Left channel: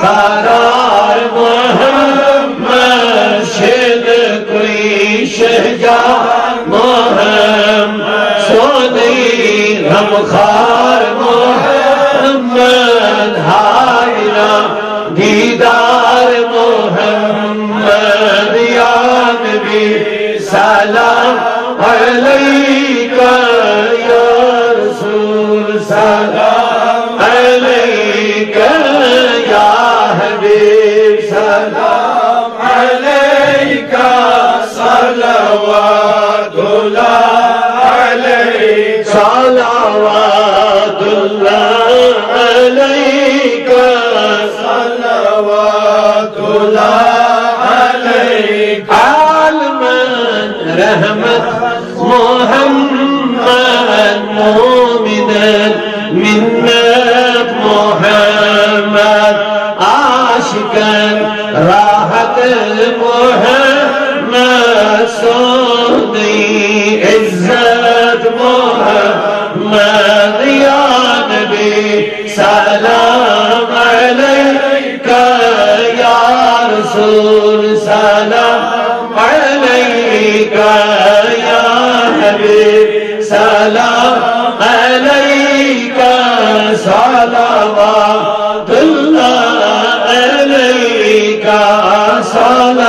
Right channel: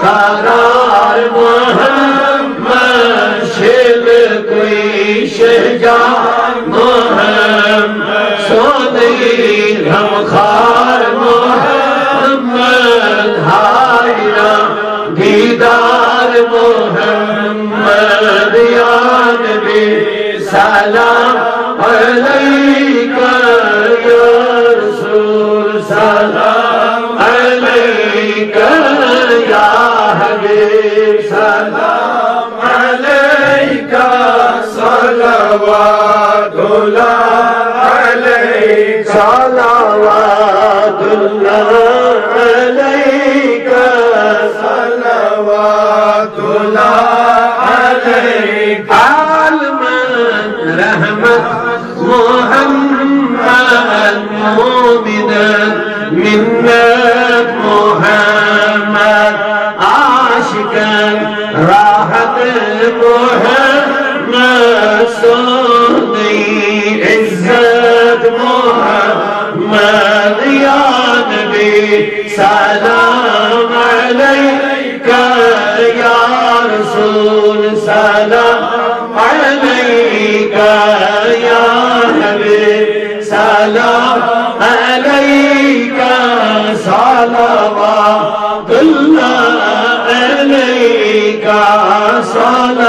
قرار محمد شد کوئی شہجار محمد سودی غمخوار محمد حائرہ دیدار محمد یا نبی سلام علیکہ یا رسول سلام علیکہ یا حبیب سلام علیکہ صلوات اللہ علیکہ صلوات اللہ علیکہ صلوات اللہ علیکہ عالماً رحمت محمد مومناً منت محمد عاشقاً راحت محمد سودی عزت محمد یا نبی سلام علیکہ یا رسول سلام علیکہ یا حبیب سلام علیکہ صلوات اللہ علیکہ صلوات